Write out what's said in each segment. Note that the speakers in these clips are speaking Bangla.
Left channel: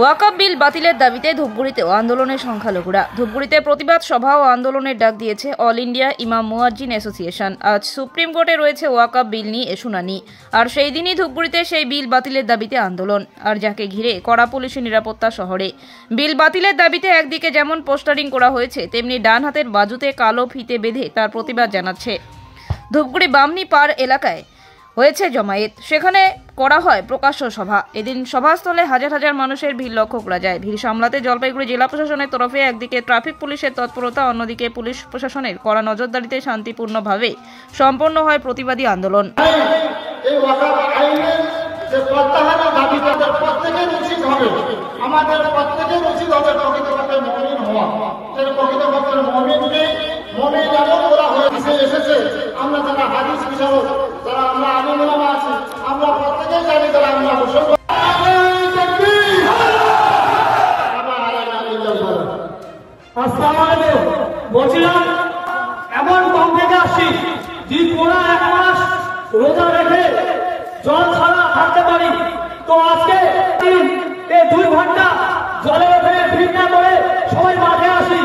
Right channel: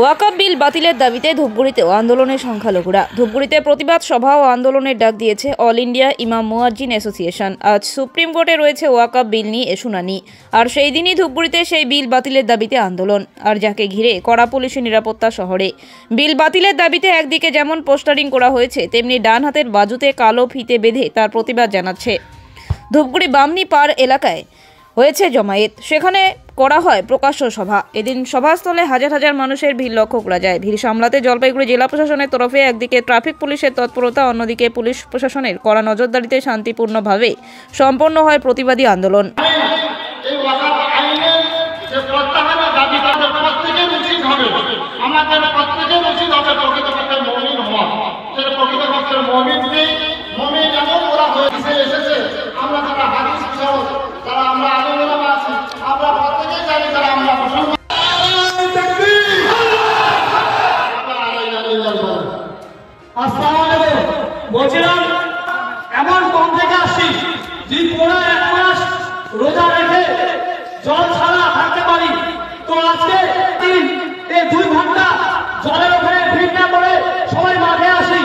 ওয়াকফ বিল বাতিলের দাবিতে ধূপগুড়িতেও আন্দোলনের সংখ্যালঘুরা। ধূপগুড়িতে প্রতিবাদ সভা ও আন্দোলনের ডাক দিয়েছে অল ইন্ডিয়া ইমাম মুয়াজ্জিন অ্যাসোসিয়েশন। আজ সুপ্রিম কোর্টে রয়েছে ওয়াকফ বিল নিয়ে শুনানি, আর সেই দিনই ধূপগুড়িতে সেই বিল বাতিলের দাবিতে আন্দোলন, আর যাকে ঘিরে কড়া পুলিশি নিরাপত্তা শহরে। বিল বাতিলের দাবিতে একদিকে যেমন পোস্টারিং করা হয়েছে, তেমনি ডান হাতের বাজুতে কালো ফিতে বেঁধে তার প্রতিবাদ জানাচ্ছে। ধূপগুড়ি বামনি পাড় এলাকায় হয়েছে জমায়েত, সেখানে করা হয় প্রকাশ্য সভা। এদিন সভাস্থলে হাজার হাজার মানুষের ভিড় লক্ষ্য করা যায়। ভিড় সামলাতে জলপাইগুড়ি জেলা প্রশাসনের তরফে একদিকে ট্রাফিক পুলিশের তৎপরতা, অন্যদিকে পুলিশ প্রশাসনের কড়া নজরদারিতে শান্তিপূর্ণভাবে সম্পন্ন হয় প্রতিবাদী আন্দোলন। আমাদের প্রত্যেকের উচিত হবে প্রকৃতপক্ষে মুমিন হওয়া। প্রকৃতপক্ষে মুমিনকে মুমিন এমন ওরা হয়েছে এসেছে, আমরা যারা হাদিস হিসাবে যারা আমরা আলেম ওলামা আছি, আমরা প্রত্যেকেই জানি যারা আমরা মুসলমান। বলছিলাম এমন কম থেকে আসছি যে পুরো এক মাস রোজা রেখে জল ছাড়া থাকতে পারি, তো আজকে 2 ঘন্টা জলের ওখানে ভিড় না করে সবাই মাঠে আসি।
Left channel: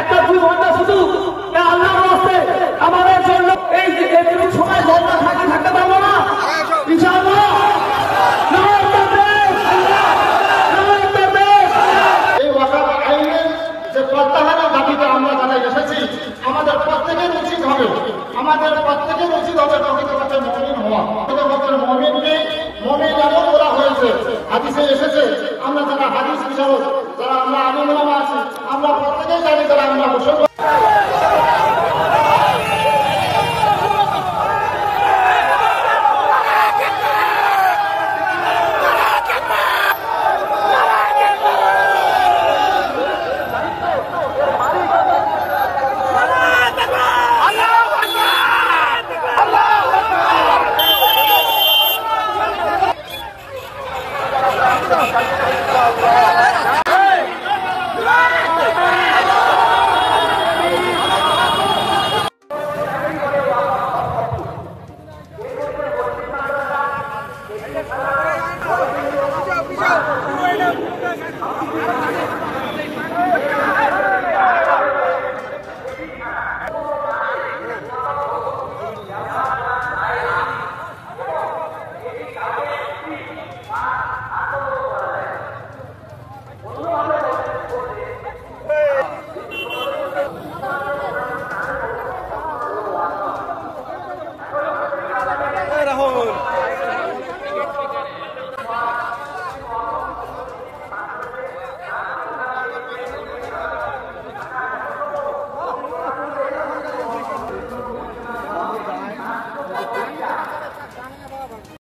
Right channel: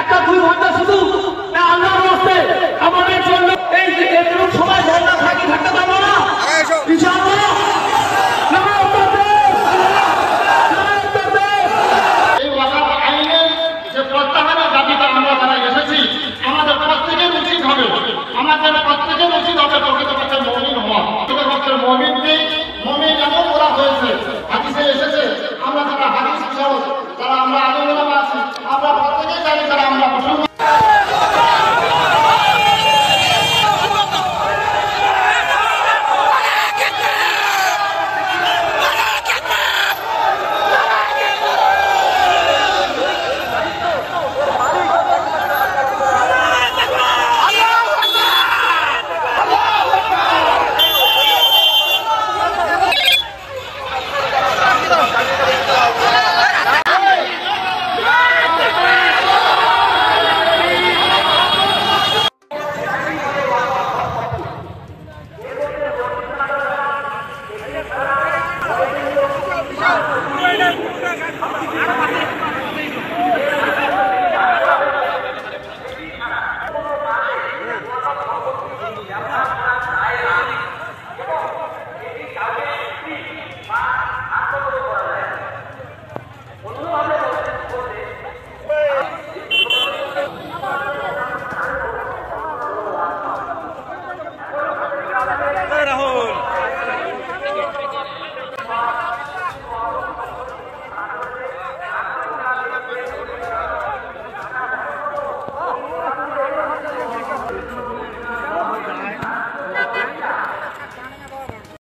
একটা 2 ঘন্টা শুধু আল্লাহর রাস্তে আমাদের জন্য এই যে একটু সময় জল না থাকি থাকতে পারবো না ইনশাআল্লাহ। এই ওয়াকফ আইনের যে প্রত্যাহারের দাবিতে আমরা যারা এসেছি, আমাদের প্রত্যেকের উচিত হবে প্রকৃতপক্ষে মুমিন হওয়া। প্রকৃতপক্ষে মুমিনকে মুমিন এমন ওরা হয়েছে হাদিসে এসেছে, আমরা যারা হাদিস হিসাবে যারা আমরা আলেম ওলামা আছি, আমরা প্রত্যেকেই জানি যারা আমরা মুসলমান।